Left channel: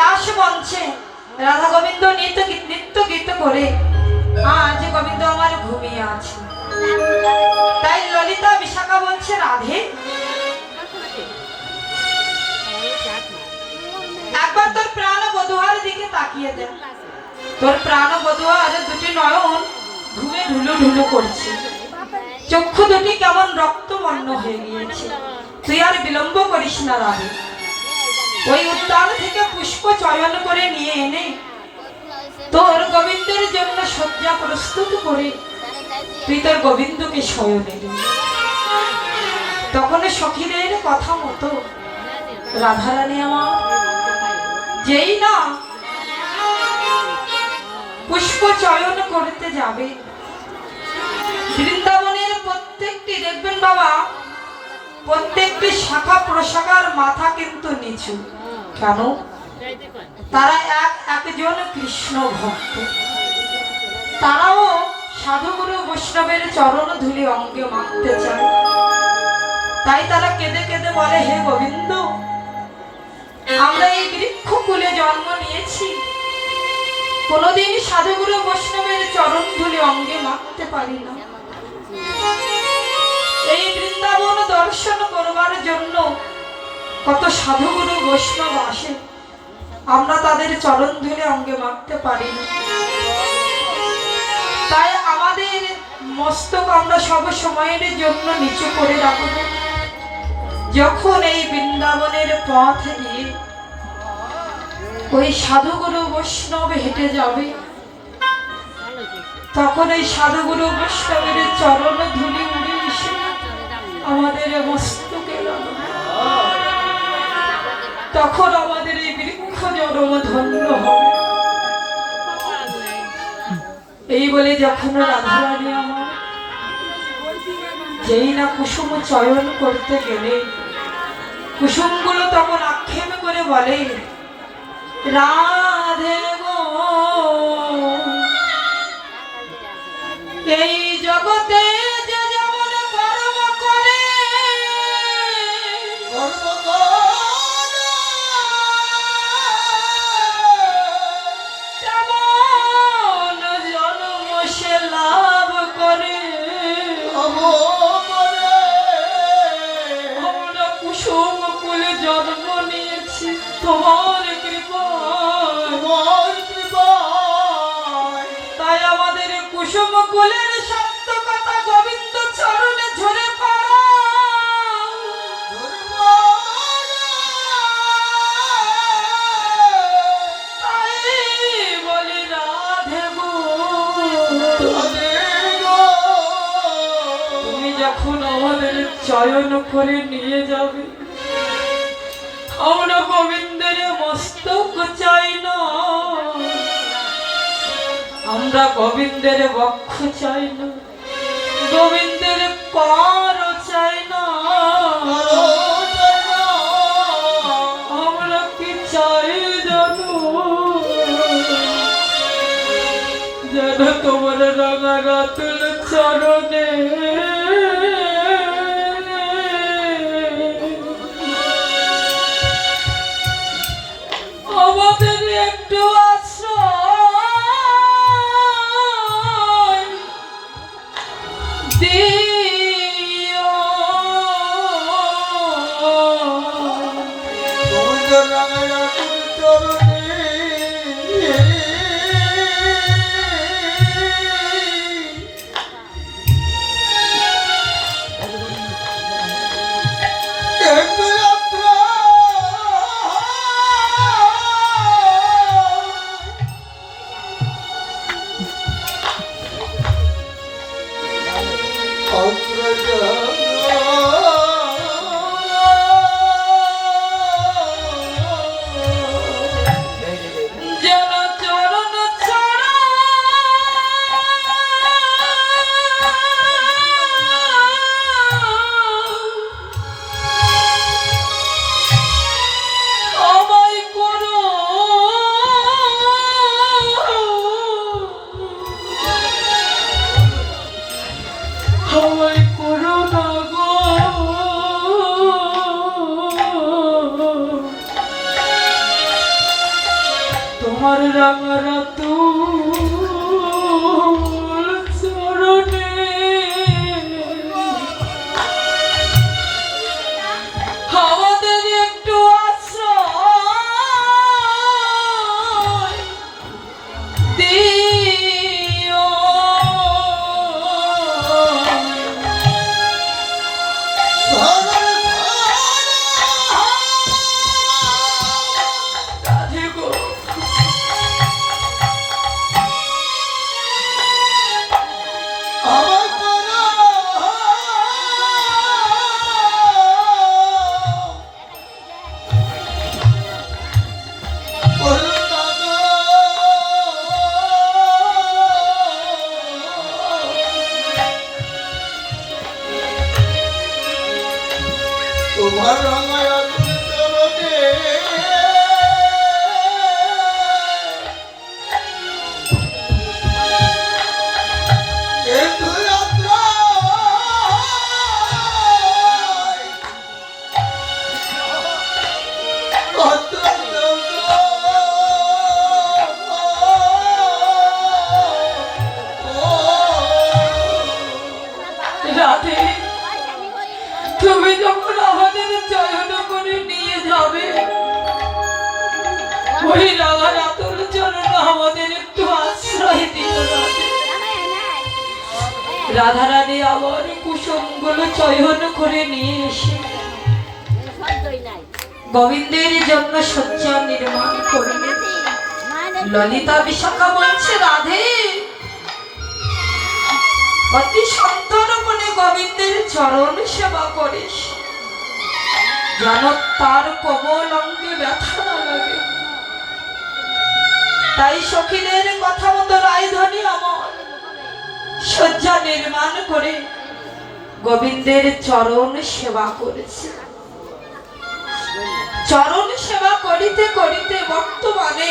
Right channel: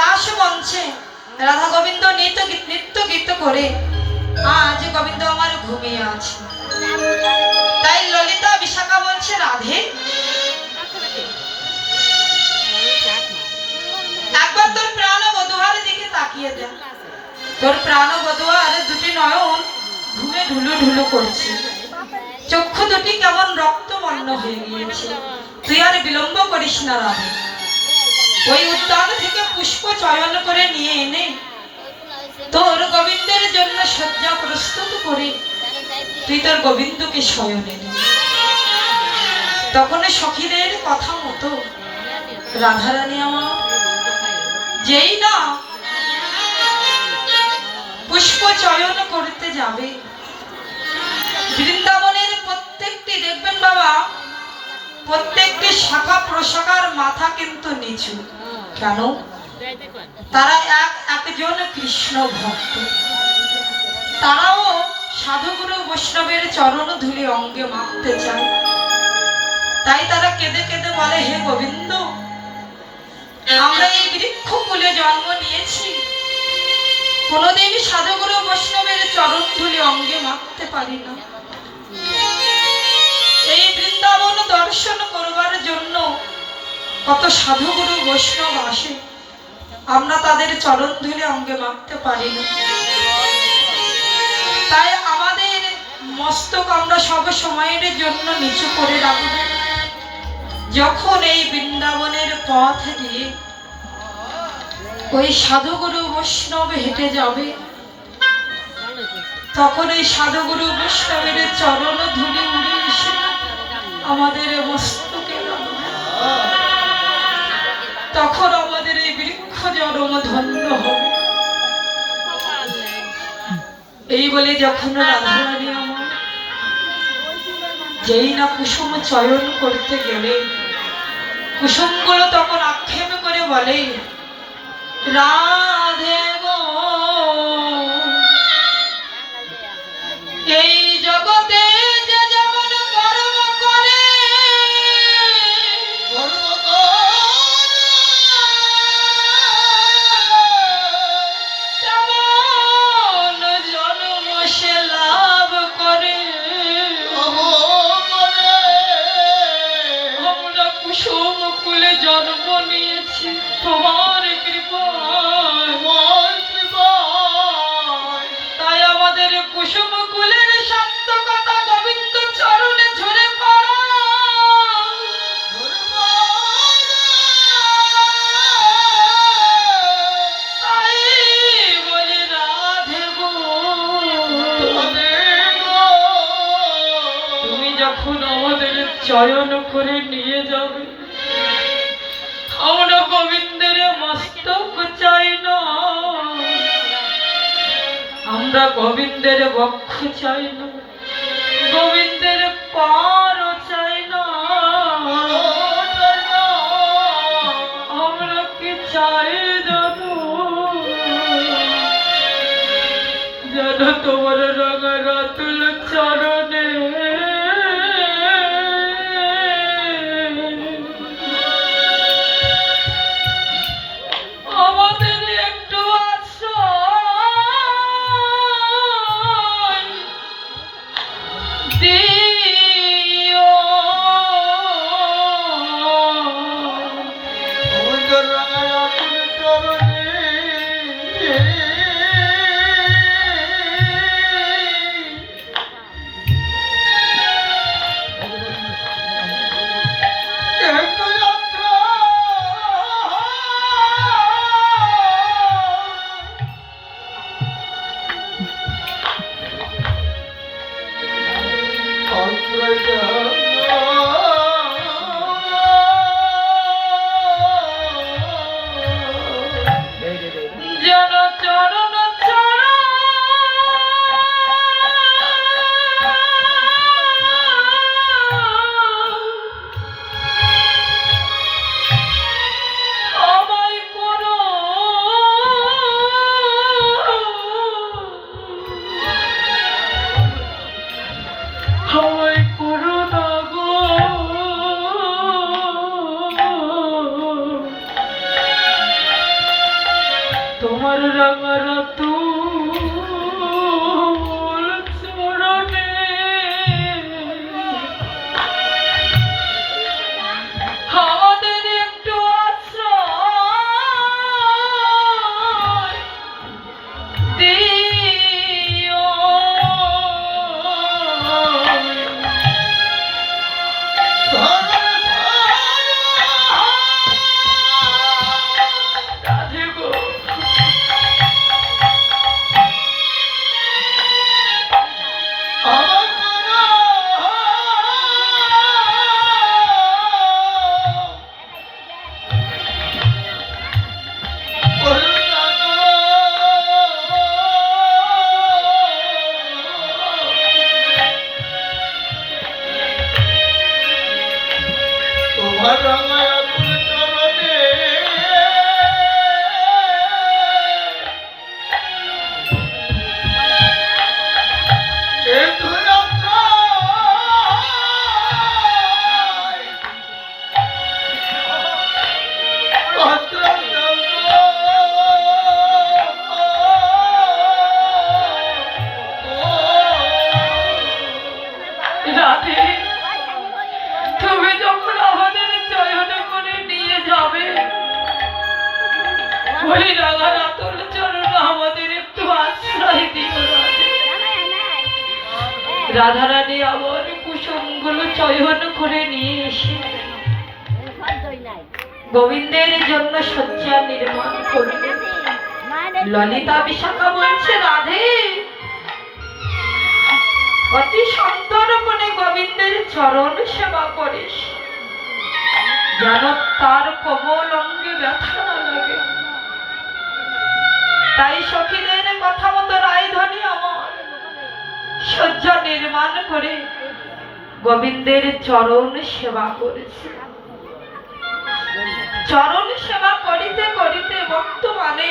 রাস মঞ্চে রাধা গোবিন্দ নৃত্য গীত করে আজ গোবিন্দ আমার ঘুমিয়ে আছে। তাই ললিতা বিশাখা বলছে, রাধে একবার তোর প্রাণ বধূয়ার দিকে তাকিয়ে দে। তোর প্রাণ বধূয়ার দুটি নয়ন ঘুমে ঢুলু ঢুলু করছে, চক্ষু দুটি কেমন রক্তবর্ণ হয়ে গিয়েছে। তুই আর বিলম্ব করিস না রাধে, ওই উদ্যান থেকে পুষ্প চয়ন করে নিয়ে এনে তোর গোবিন্দের জন্য শয্যা প্রস্তুত করে তুই তোর গোবিন্দকে শয়নে দে। তখন সখীদের কথা মতো রাধারানী আমার যেই না পুষ্প চয়ন করতে যাবে, বৃন্দাবনের প্রত্যেকটি দেখবেন বাবা, প্রত্যেকটি শাখা প্রশাখার মাথা কিন্তু নিচু। কেন? তারা একজন কৃষ্ণ ভক্ত, তারাও সাধুগুরু বৈষ্ণবের চরণ ধুলি অঙ্গে মাখতে চায়। তাই তারা কেঁদে কেঁদে বলে, হে গোবিন্দ, আমরা এই বৃক্ষ কুলে জন্ম নিয়েছি, কোনদিন সাধুগুরু বৈষ্ণবের চরণ ধুলি অঙ্গে মাখতে পারি না। এই বৃন্দাবন দর্শন করবার জন্য কত সাধুগুরু বৈষ্ণব আসে, আমরা তাদের চরণ ধুলি অঙ্গে মাখতে পারি না। তাই আমাদের মস্তক আমরা সব সময়ের জন্য নিচু করে রাখব। যখন এই বৃন্দাবনের পথ দিয়ে ওই সাধুগুরু বৈষ্ণব হেঁটে যাবে, তখন এই সাধুগুরু বৈষ্ণবের চরণ ধুলি উড়ে এসে আমাদের মস্তকে লাগবে। তখন আমাদের এই বৃক্ষ জন্ম ধন্য হবে। এই বলে যখন রাধারানী আমার যেই না কুসুম চয়ন করতে গেলে, কুসুমগুলো তখন আক্ষেপ করে বলে, রাধে গো, এই জগতে যে যেমন কর্ম করে তেমন জন্ম সে লাভ করে। আমরা কুসুম কুলে জন্ম নিয়েছি তোমার কৃপায়, তাই আমাদের কুসুম কুলের সত্য কথা গোবিন্দ চরণে ঝরে পড়া। তাই বলে রাধে গো, তুমি যখন আমাদের চয়ন করে নিয়ে যাবে, আমরা গোবিন্দের মস্তক চাই না, আমরা গোবিন্দের বক্ষ চাই না, গোবিন্দের পার চাই না, আমরা কি চাই জানো? যেন তোমার রাঙা রাতুল চরণে আমাদের একটু আশ্রয় দিও। রাঙারা তোর চরণে আমাদের একটু আশ্রয় দিও। রাধে গো, তোমার রাঙা আগুন চরণে একটু রাধে তুমি যখন আমাদের চয়ন করে নিয়ে যাবে ওই রাঙা রাতুল চরণ আমাদের একটু আশ্রয় দিও রাধে। রাধারানী আমার কুসুমগুলো চয়ন করে নিয়ে এসে গোবিন্দের জন্য শয্যা নির্মাণ করবে। ললিতা বিশাখা বলছে রাধে অতি সন্তর্পণে গোবিন্দের চরণ সেবা করিস যেন তার কোমল অঙ্গে ব্যথা না লাগে। তাই সখীদের কথা মতো রায়ধনী আমার শয্যা নির্মাণ করে গোবিন্দের চরণ সেবা করেছে। চরণ সেবা করিতে করিতে বর্তমানে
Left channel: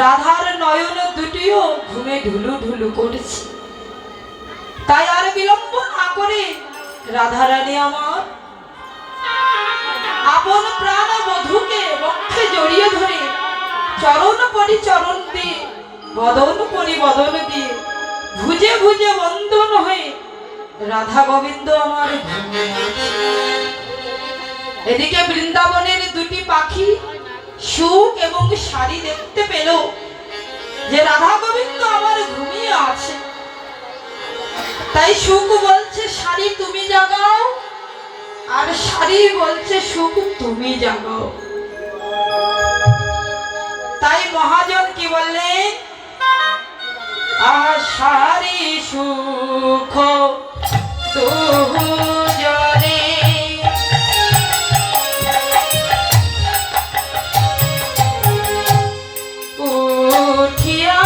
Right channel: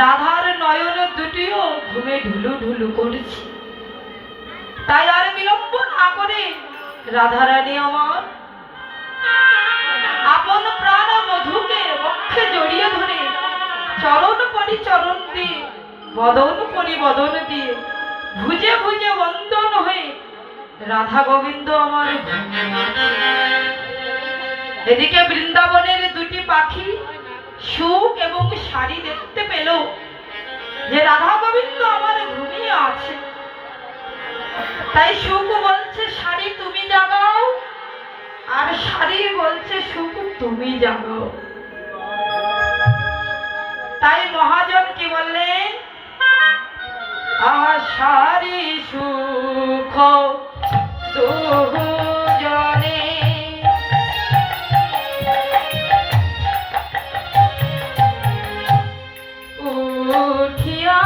রাধার নয়ন দুটিও ঘুমে ঢুলু ঢুলু করেছে। তাই আর বিলম্ব না করে রাধারানী আমার আপন প্রাণ বধূকে বক্ষে জড়িয়ে ধরে চরণ পরিচরণ দিয়ে বদন পরিবদন দিয়ে ভুজে ভুজে বন্দন হয়ে রাধা গোবিন্দ আমার ঘুমিয়ে আছে। এদিকে বৃন্দাবনের দুটি পাখি সুখ এবং শাড়ি দেখতে পেল যে রাধা গোবিন্দ আমার ঘুমিয়ে আছে। তাই সুখ বলছে শাড়ি তুমি জাগাও, আর শাড়ি বলছে সুখ তুমি জাগাও। তাই মহাজন কি বললেন, আশারি সুখ দুজনে উঠিয়া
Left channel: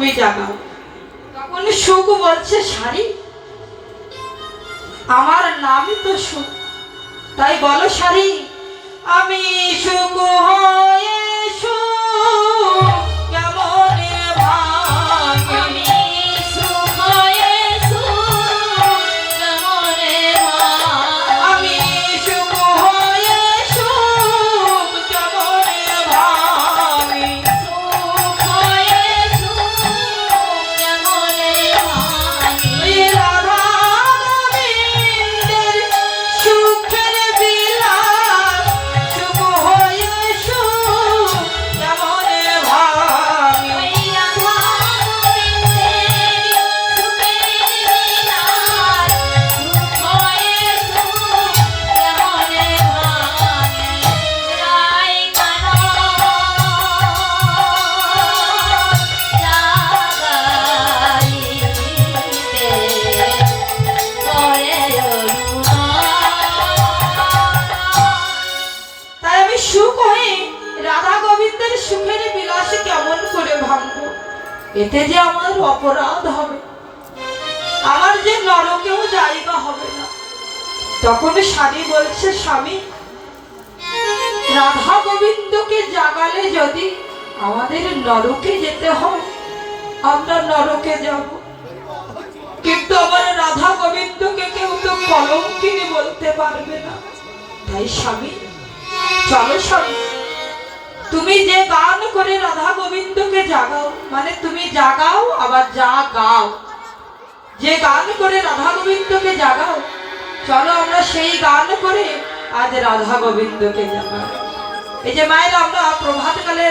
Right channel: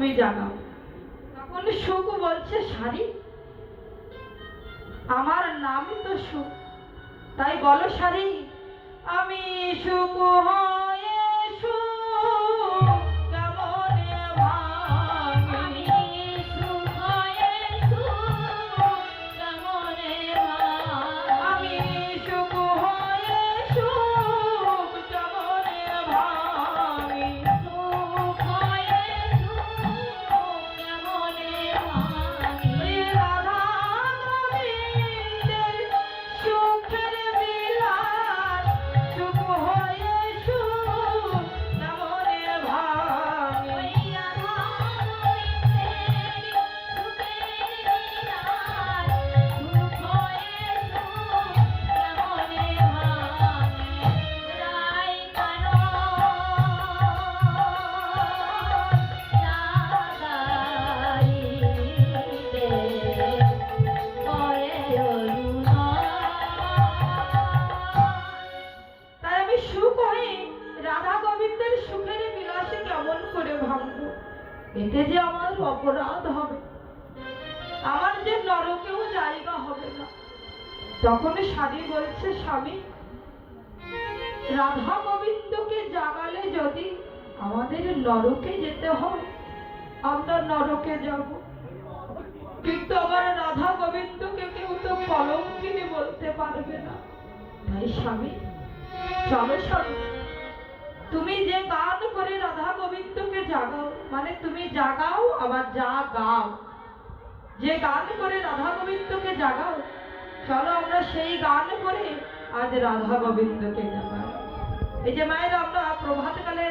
তুমি জাগাও। তখন সুখ বলছে শাড়ি, আমার নামই তো সুখ, তাই বলো শাড়ি আমি সুখ হয়ে সুখ কেমনে ভাঙি, আমি সুখ হয়ে সুখ কেমনে ভাঙি, আমি সুখ হয়ে সুখ কেমনে ভাঙি। সুখ হয়ে সুখ কেমনে ভাঙি, ওই রাধা গোবিন্দের সুখের বিলাস, সুখ হয়ে সুখ কেমনে ভাঙি। ওই রাধা গোবিন্দের সুখের বিলাস, সুখ হয়ে সুখ কেমনে ভাঙি। রাই কানো তাই আমি সুখ হয়ে রাধা গোবিন্দের সুখের বিলাসে কেমন করে ভাঙবো, এতে যে আমার অপরাধ হবে, আমার যে নরকেও জায়গা হবে না। তখন স্বামী বলছে স্বামী রাধা গোবিন্দকে জাগালে যদি আমাদের নরকে যেতে হয় আমরা নরকে যাব, কিন্তু আমার রাধা গোবিন্দকে কেউ তো কলঙ্কিনী বলতে পারবে না। তাই স্বামী চলো স্বামী, তুমি যে গান করে রাধা গোবিন্দকে জাগাও, মানে তুমি জাগাও আবার যা গাও, যে গান করে রাধা গোবিন্দকে জাগাও, চলো আমরা সেই গান করে আজ রাধা গোবিন্দকে জাগাই। এই যে মায়ের আমরা প্রভাতকালে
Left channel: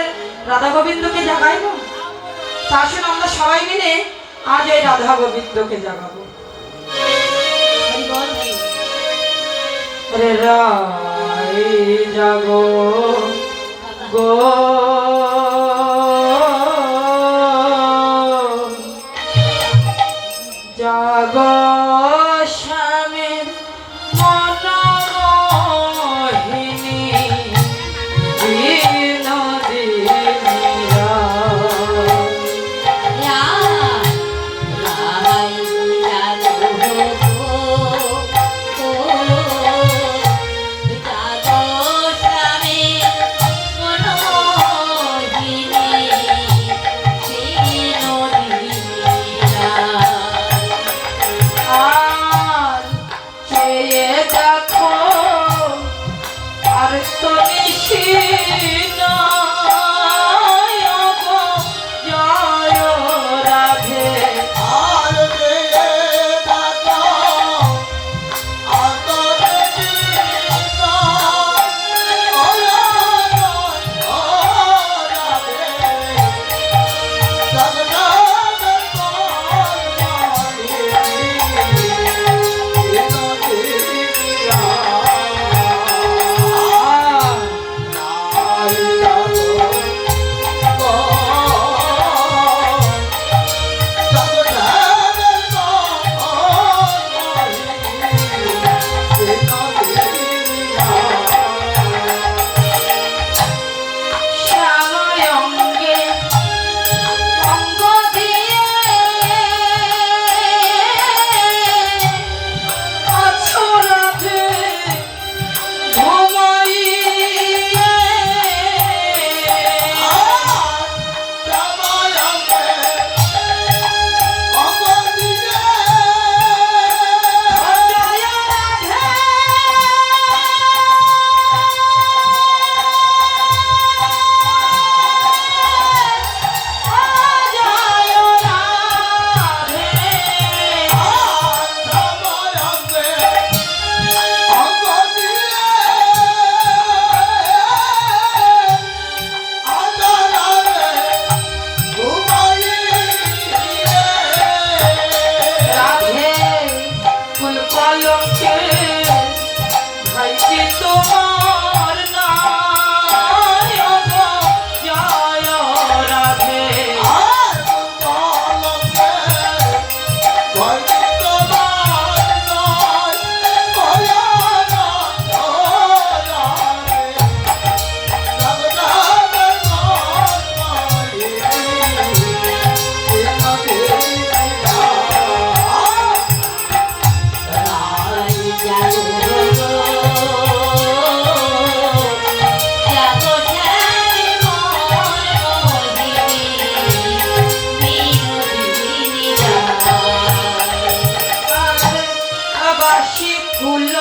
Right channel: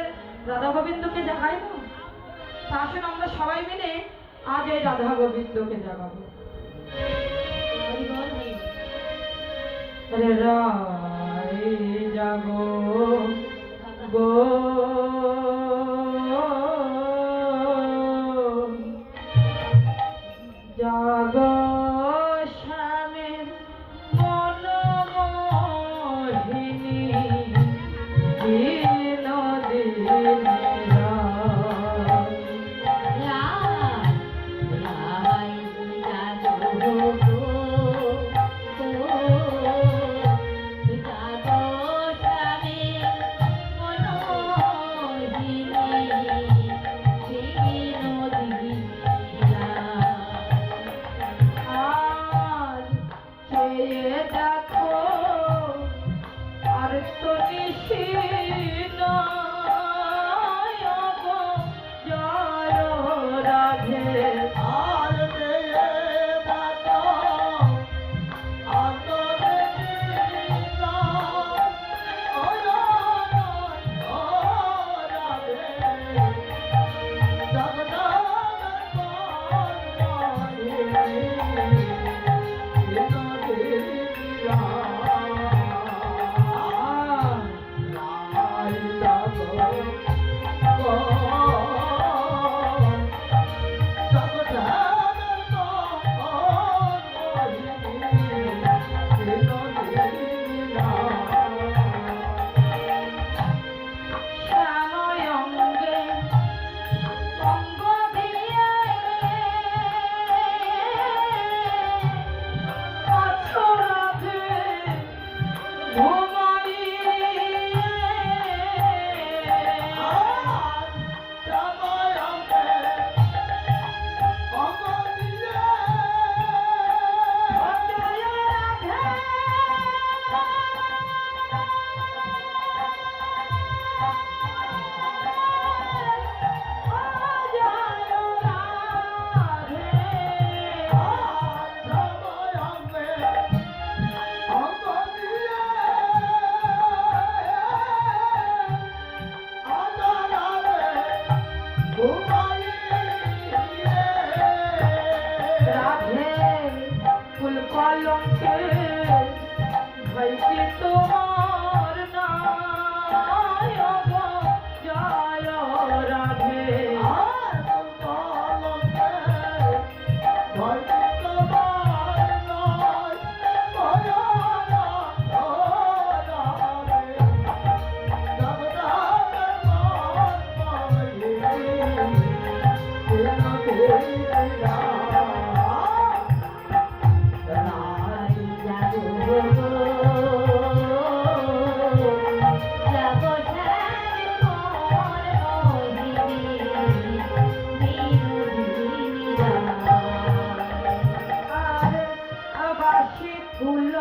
রাধা গোবিন্দকে জাগাই না, তা আসুন আমরা সবাই মিলে আজ এই রাধা গোবিন্দকে জাগাবো। রে রাই জাগো গো জাগো স্বামীর মনোমোহিনী বিনোদিনীরা। আর চেয়ে দেখো আর তো নিশি নাই গো জয় রাধে। আর রে দাতা আদর দিনা ওরা রাধে জগন্নাথ শ্যাময়ঙ্গে অঙ্গ দিয়ে আছো রাধে ঘুমাইয়ে। জয় রাধে জয় রাধে। রাধে ফুল কলঙ্কে ভাইকে তোমার নাই গো জয় রাধে। হাসি ফুল